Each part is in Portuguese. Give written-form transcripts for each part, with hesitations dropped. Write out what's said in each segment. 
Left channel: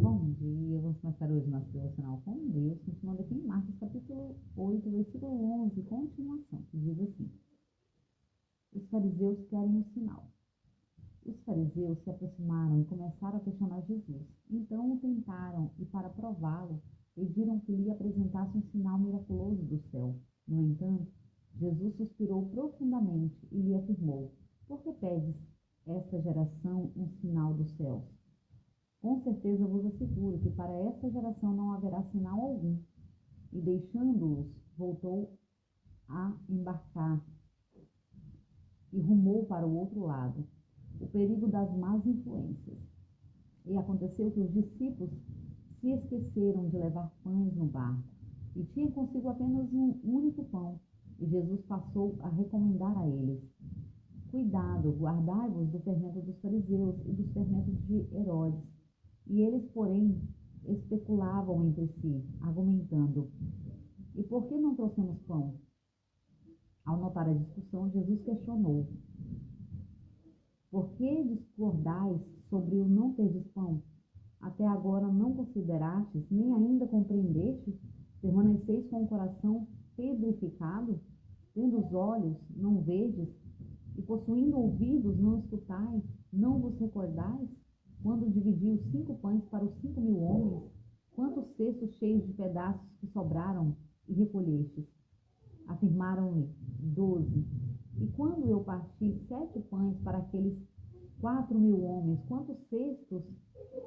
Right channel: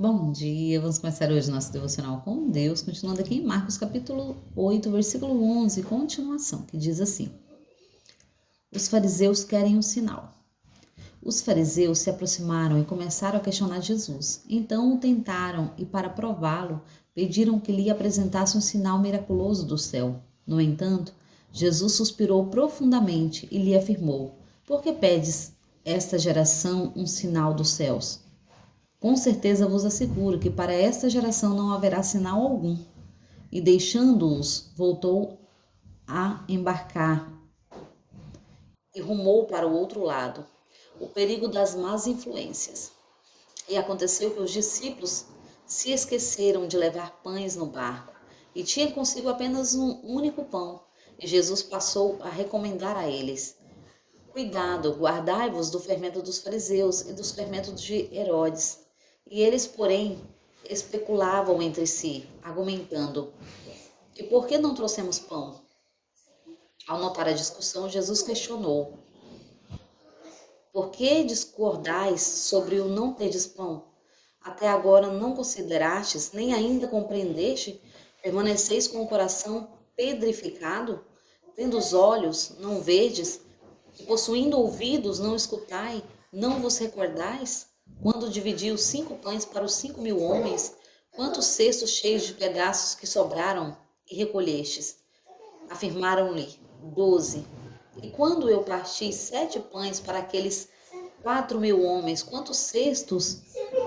Bom dia, vamos começar hoje nosso devocional com Deus, continuando aqui em Marcos capítulo 8, versículo 11, continuação, que diz assim: Os fariseus querem um sinal. Os fariseus se aproximaram e começaram a questionar Jesus. Então o tentaram e, para prová-lo, pediram que lhe apresentasse um sinal miraculoso do céu. No entanto, Jesus suspirou profundamente e lhe afirmou: Por que pedes esta geração um sinal dos céus? Com certeza vos asseguro que para esta geração não haverá sinal algum. E deixando-os, voltou a embarcar e rumou para o outro lado. O perigo das más influências. E aconteceu que os discípulos se esqueceram de levar pães no barco e tinham consigo apenas um único pão. E Jesus passou a recomendar a eles: Cuidado, guardai-vos do fermento dos fariseus e dos fermentos de Herodes. E eles, porém, especulavam entre si, argumentando: E por que não trouxemos pão? Ao notar a discussão, Jesus questionou: Por que discordais sobre o não terdes pão? Até agora não considerastes, nem ainda compreendeste? Permaneceis com o coração pedrificado? Tendo os olhos, não vedes? E possuindo ouvidos, não escutai? Não vos recordais? Quando dividi os 5 pães para os 5.000 homens, quantos cestos cheios de pedaços que sobraram e recolhestes? Afirmaram-lhe: 12. E quando eu parti 7 pães para aqueles 4.000 homens, quantos cestos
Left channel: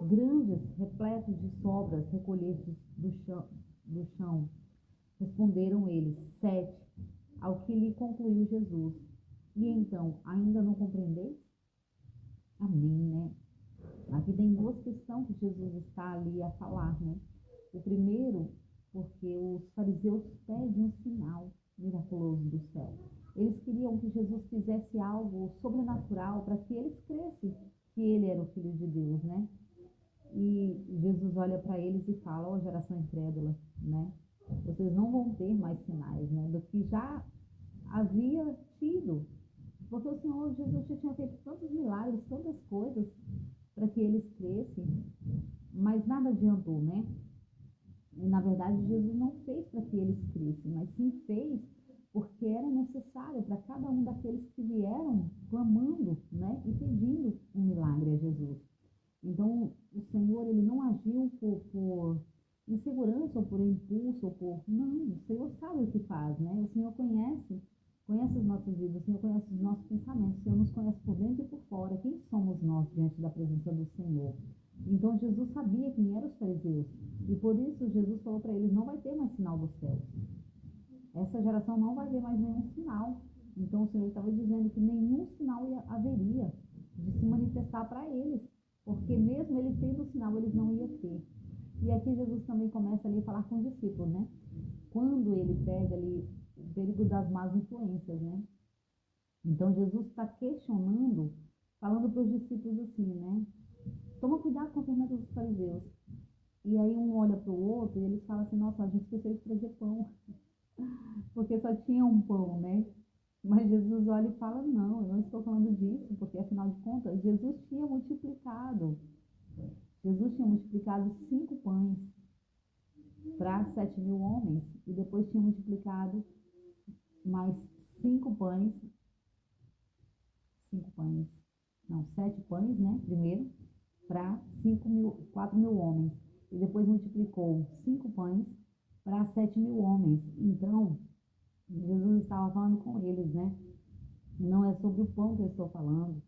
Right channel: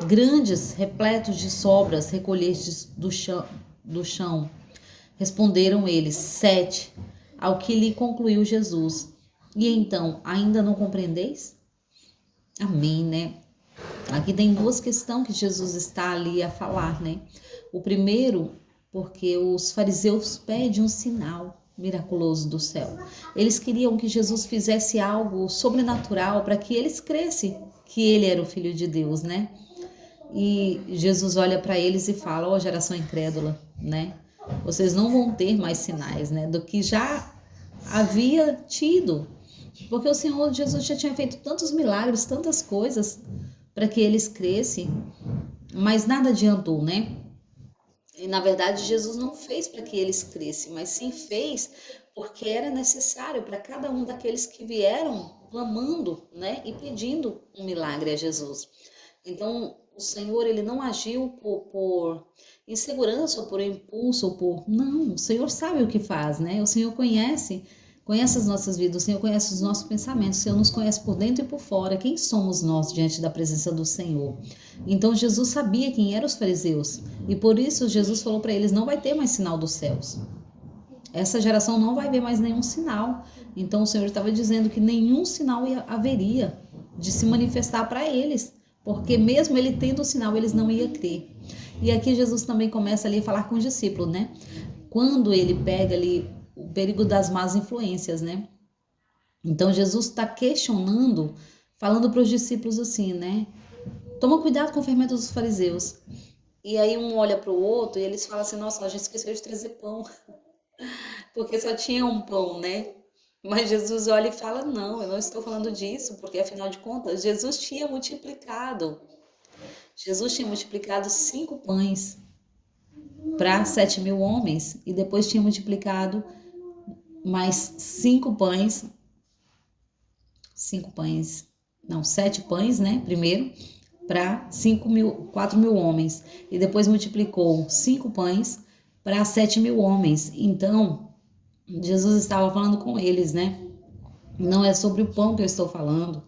grandes, repletos de sobras, recolhestes do chão? Responderam eles: 7. Ao que lhe concluiu Jesus: E então, ainda não compreendeis? Amém, né? Aqui tem 2 questões que Jesus está ali a falar, né? O primeiro, porque os fariseus pedem um sinal miraculoso do céu. Eles queriam que Jesus fizesse algo sobrenatural para que eles crescem que ele era o Filho de Deus, né? E Jesus olha para eles e fala: Ó, geração incrédula, né? Vocês não vão ter mais sinais, né? Do que já havia tido. Porque o Senhor Jesus já tinha feito tantos milagres, tantas coisas para que eles crescem, mas nada adiantou, né? E na verdade Jesus não fez para que eles crescem, mas sim fez porque era necessário para cada um daqueles que vieram clamando, né, e pedindo um milagre a Jesus. Então o Senhor, ele não agiu por insegurança ou por impulso ou por... Não, o Senhor sabe o que faz, né? O Senhor conhece as nossas vidas, o Senhor conhece os nossos pensamentos, o Senhor nos conhece por dentro e por fora. Quem somos nós diante da presença do Senhor? Então Jesus sabia quem eram os fariseus e por isso Jesus falou para eles: não vai ter mais sinal dos céus. Essa geração não vai ver mais nenhum sinal. Então o Senhor estava dizendo que nenhum sinal haveria de se manifestar para eles, porque mesmo ele tendo o sinal, eles não iam crer. E aqui Jesus também começa ali a falar com os discípulos, né? Quando ele pega ali o perigo das más influências, né? Então Jesus está questionando, falando para os discípulos assim, né? Toma cuidado com o fermento dos fariseus. E aí um olha para o outro e eles falam assim: nossa, a gente esqueceu de trazer pão, porque só tinha um pão, né? Mas Jesus olha e fala: não, eu não estou falando disso, porque afinal de contas Jesus tinha multiplicado. Jesus tinha multiplicado 5 pães para 7.000 homens e depois tinha multiplicado mais 7 pães, né? Primeiro, para 4.000 homens. E depois multiplicou 5 pães para 7.000 homens. Então, Jesus estava falando com eles, né? Não é sobre o pão que eu estou falando.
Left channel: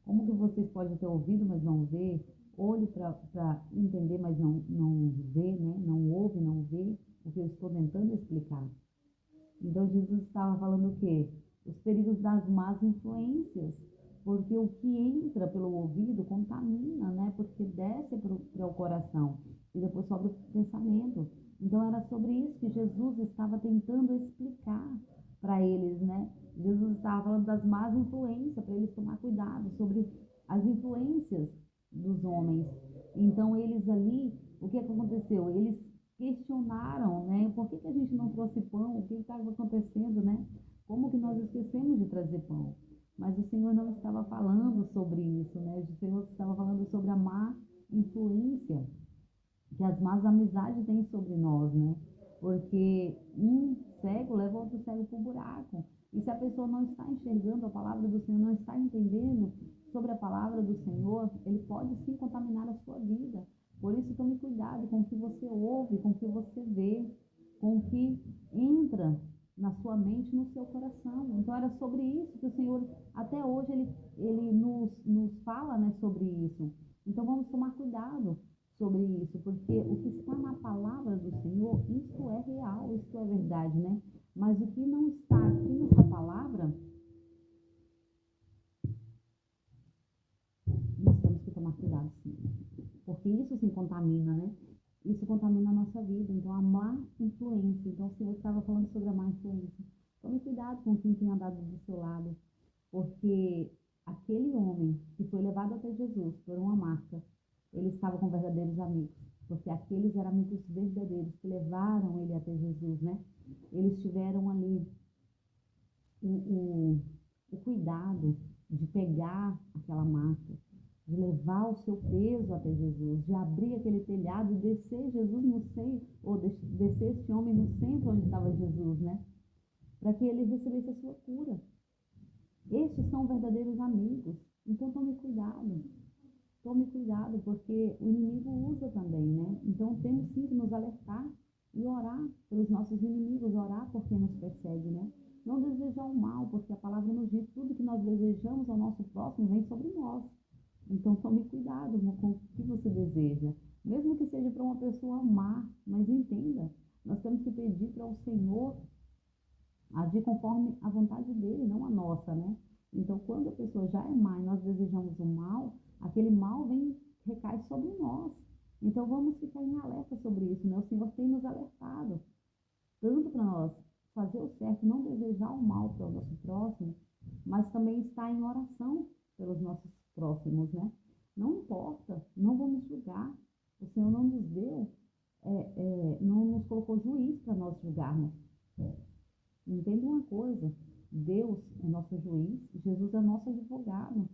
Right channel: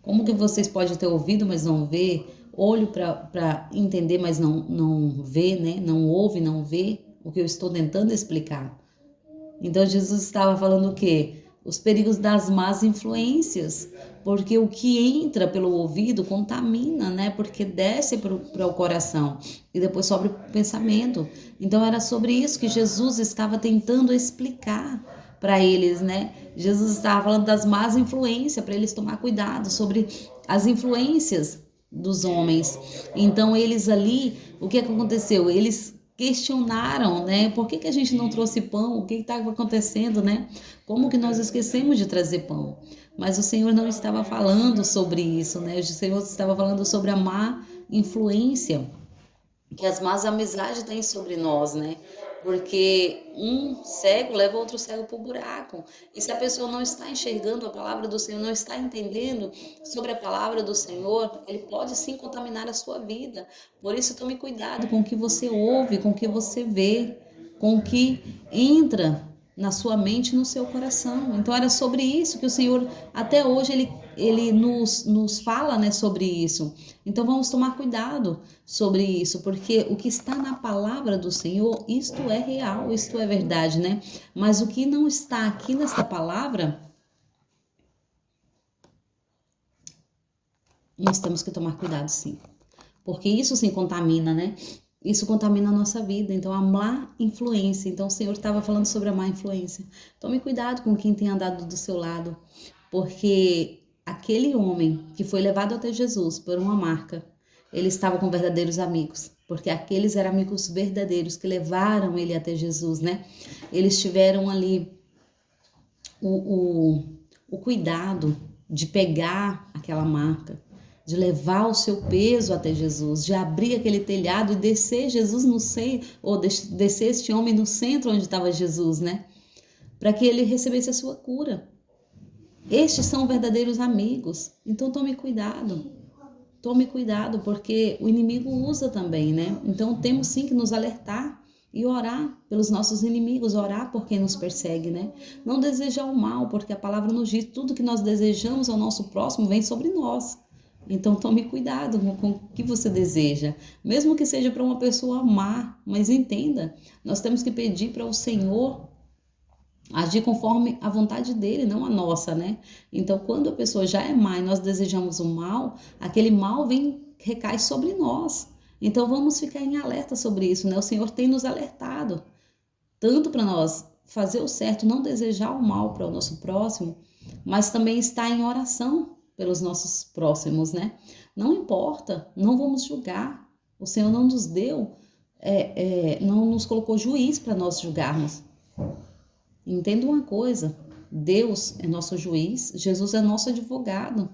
Como que vocês podem ter ouvido, mas não ver? Olho para entender, mas não vê, né? Não ouve, não vê o que eu estou tentando explicar. Então Jesus estava falando o quê? Os perigos das más influências, porque o que entra pelo ouvido contamina, né? Porque desce para o coração e depois sobe o pensamento. Então era sobre isso que Jesus estava tentando explicar para eles, né? Jesus estava falando das más influências, para eles tomar cuidado sobre as influências dos homens. Então eles ali, o que aconteceu? Eles questionaram, né? Por que a gente não trouxe pão? O que estava acontecendo, né? Como que nós esquecemos de trazer pão? Mas o Senhor não estava falando sobre isso, né? O Senhor estava falando sobre a má influência que as más amizades têm sobre nós, né? Porque um cego leva outro cego para o buraco. E se a pessoa não está enxergando a palavra do Senhor, não está entendendo sobre a palavra do Senhor, ele pode sim contaminar a sua vida. Por isso, tome cuidado com o que você ouve, com o que você vê, com o que entra na sua mente e no seu coração. Então, era sobre isso que o Senhor, até hoje, ele nos fala, né, sobre isso. Então, vamos tomar cuidado sobre isso, porque o que está na palavra do Senhor, isto é real, isto é verdade, né? Mas o que não está aqui nesta palavra, nós temos que tomar cuidado, sim. Porque isso sim contamina, né? Isso contamina a nossa vida. Então, a má influência. Então, o Senhor estava falando sobre a má influência. Tome cuidado com quem tem andado do seu lado, porque aquele homem que foi levado até Jesus por uma marca, ele estava com verdadeiros amigos, porque aqueles eram amigos verdadeiros que levaram ele até Jesus, né? Eles tiveram ali o, o, o cuidado de pegar aquela marca, de levar o seu peso até Jesus, de abrir aquele telhado e descer Jesus no centro, ou descer este homem no centro onde estava Jesus, né? Para que ele recebesse a sua cura. Estes são verdadeiros amigos. Então tome cuidado. Tome cuidado, porque o inimigo usa também, né? Então temos sim que nos alertar e orar pelos nossos inimigos, orar por quem nos persegue, né? Não desejar o mal, porque a palavra nos diz tudo que nós desejamos ao nosso próximo vem sobre nós. Então tome cuidado com o que você deseja, mesmo que seja para uma pessoa má, mas entenda, nós temos que pedir para o Senhor agir conforme a vontade dele, não a nossa, né? Então, quando a pessoa já é má e nós desejamos o mal, aquele mal recai sobre nós. Então, vamos ficar em alerta sobre isso, né? O Senhor tem nos alertado, tanto para nós fazer o certo, não desejar o mal para o nosso próximo, mas também estar em oração pelos nossos próximos, né? Não importa, não vamos julgar. O Senhor não nos deu, não nos colocou juiz para nós julgarmos. Entenda uma coisa: Deus é nosso juiz, Jesus é nosso advogado.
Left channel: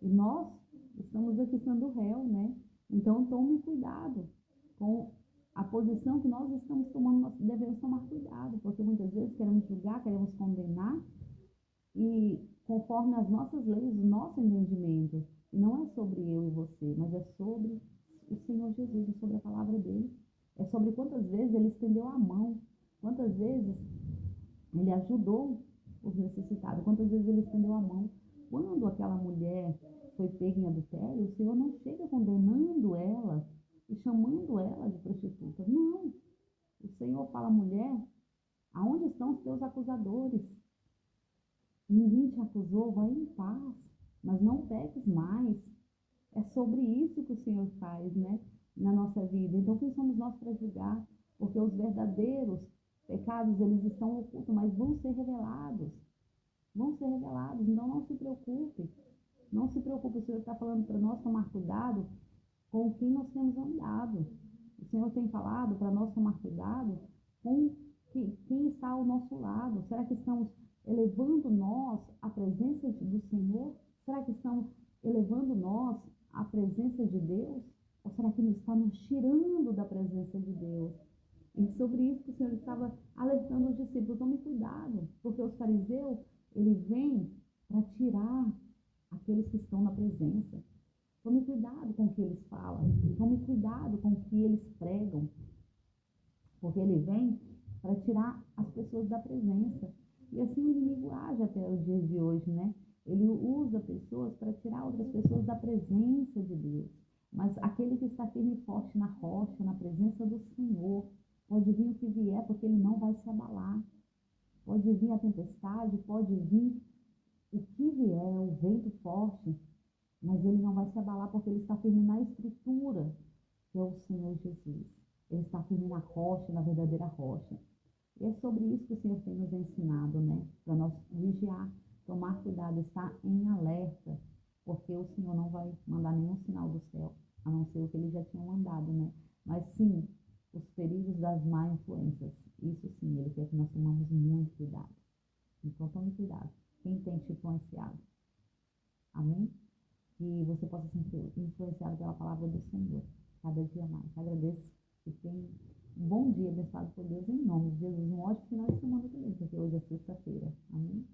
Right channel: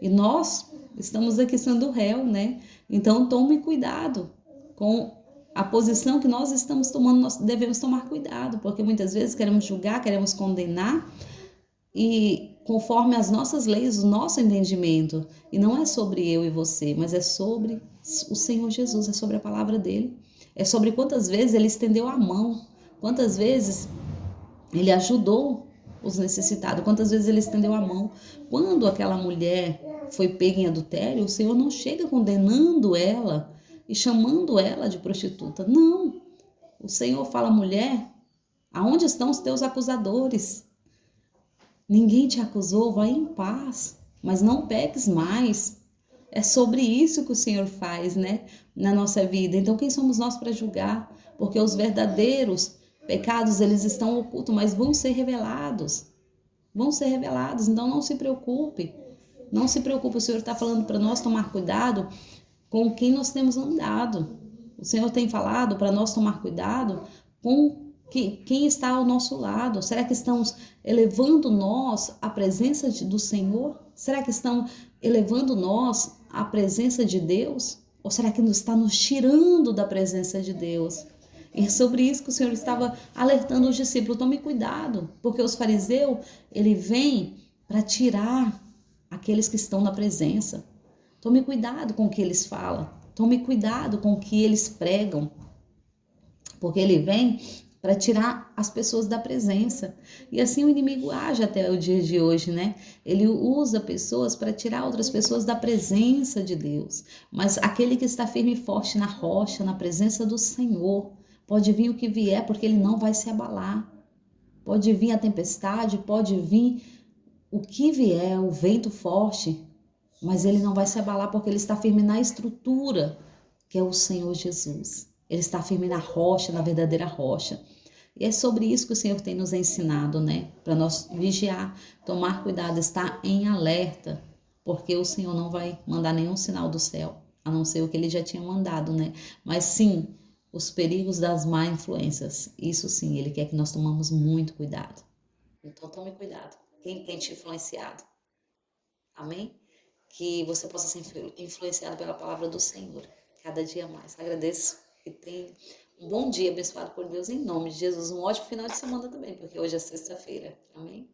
E nós estamos aqui sendo réu, né? Então tome cuidado com a posição que nós estamos tomando, nós devemos tomar cuidado, porque muitas vezes queremos julgar, queremos condenar, e conforme as nossas leis, o nosso entendimento. E não é sobre eu e você, mas é sobre o Senhor Jesus, é sobre a palavra dele. É sobre quantas vezes ele estendeu a mão, quantas vezes ele ajudou os necessitados, quantas vezes ele estendeu a mão. Quando aquela mulher foi pega em adultério, o Senhor não chega condenando ela e chamando ela de prostituta. Não. O Senhor fala: mulher, aonde estão os teus acusadores? Ninguém te acusou, vai em paz, mas não peques mais. É sobre isso que o Senhor faz, né, na nossa vida. Então, quem somos nós para julgar? Porque os verdadeiros pecados, eles estão ocultos, mas vão ser revelados. Vão ser revelados, então não se preocupe. Não se preocupe, o Senhor está falando para nós tomar cuidado com quem nós temos andado. O Senhor tem falado para nós tomar cuidado com quem está ao nosso lado. Será que estamos elevando nós à presença do Senhor? Será que estão elevando nós à presença de Deus? Ou será que está nos tirando da presença de Deus? E é sobre isso que o Senhor estava alertando os discípulos: tome cuidado, porque os fariseus, ele vem para tirar aqueles que estão na presença. Tome cuidado com o que eles falam, tome cuidado com o que eles pregam, porque ele vem para tirar as pessoas da presença. E assim o inimigo age até o dia de hoje, né? Ele usa pessoas para tirar outras pessoas da presença de Deus. Mas aquele que está firme e forte na rocha, na presença do Senhor, pode vir o que vier, porque ele não vai se abalar. Pode vir a tempestade, pode vir o que vier, o vento forte, mas ele não vai se abalar, porque ele está firme na estrutura, que é o Senhor Jesus. Ele está firme na rocha, na verdadeira rocha. E é sobre isso que o Senhor tem nos ensinado, né? Para nós vigiar, tomar cuidado, estar em alerta, porque o Senhor não vai mandar nenhum sinal do céu, a não ser o que ele já tinha mandado, né? Mas sim, os perigos das má influências. Isso sim, ele quer que nós tomamos muito cuidado. Então tome cuidado. Quem tem te influenciado? Amém? Que você possa ser influenciado pela palavra do Senhor. cada dia mais. Agradeço e tenha um bom dia abençoado por Deus em nome de Jesus. Um ótimo final de semana também, porque hoje é sexta-feira. Amém?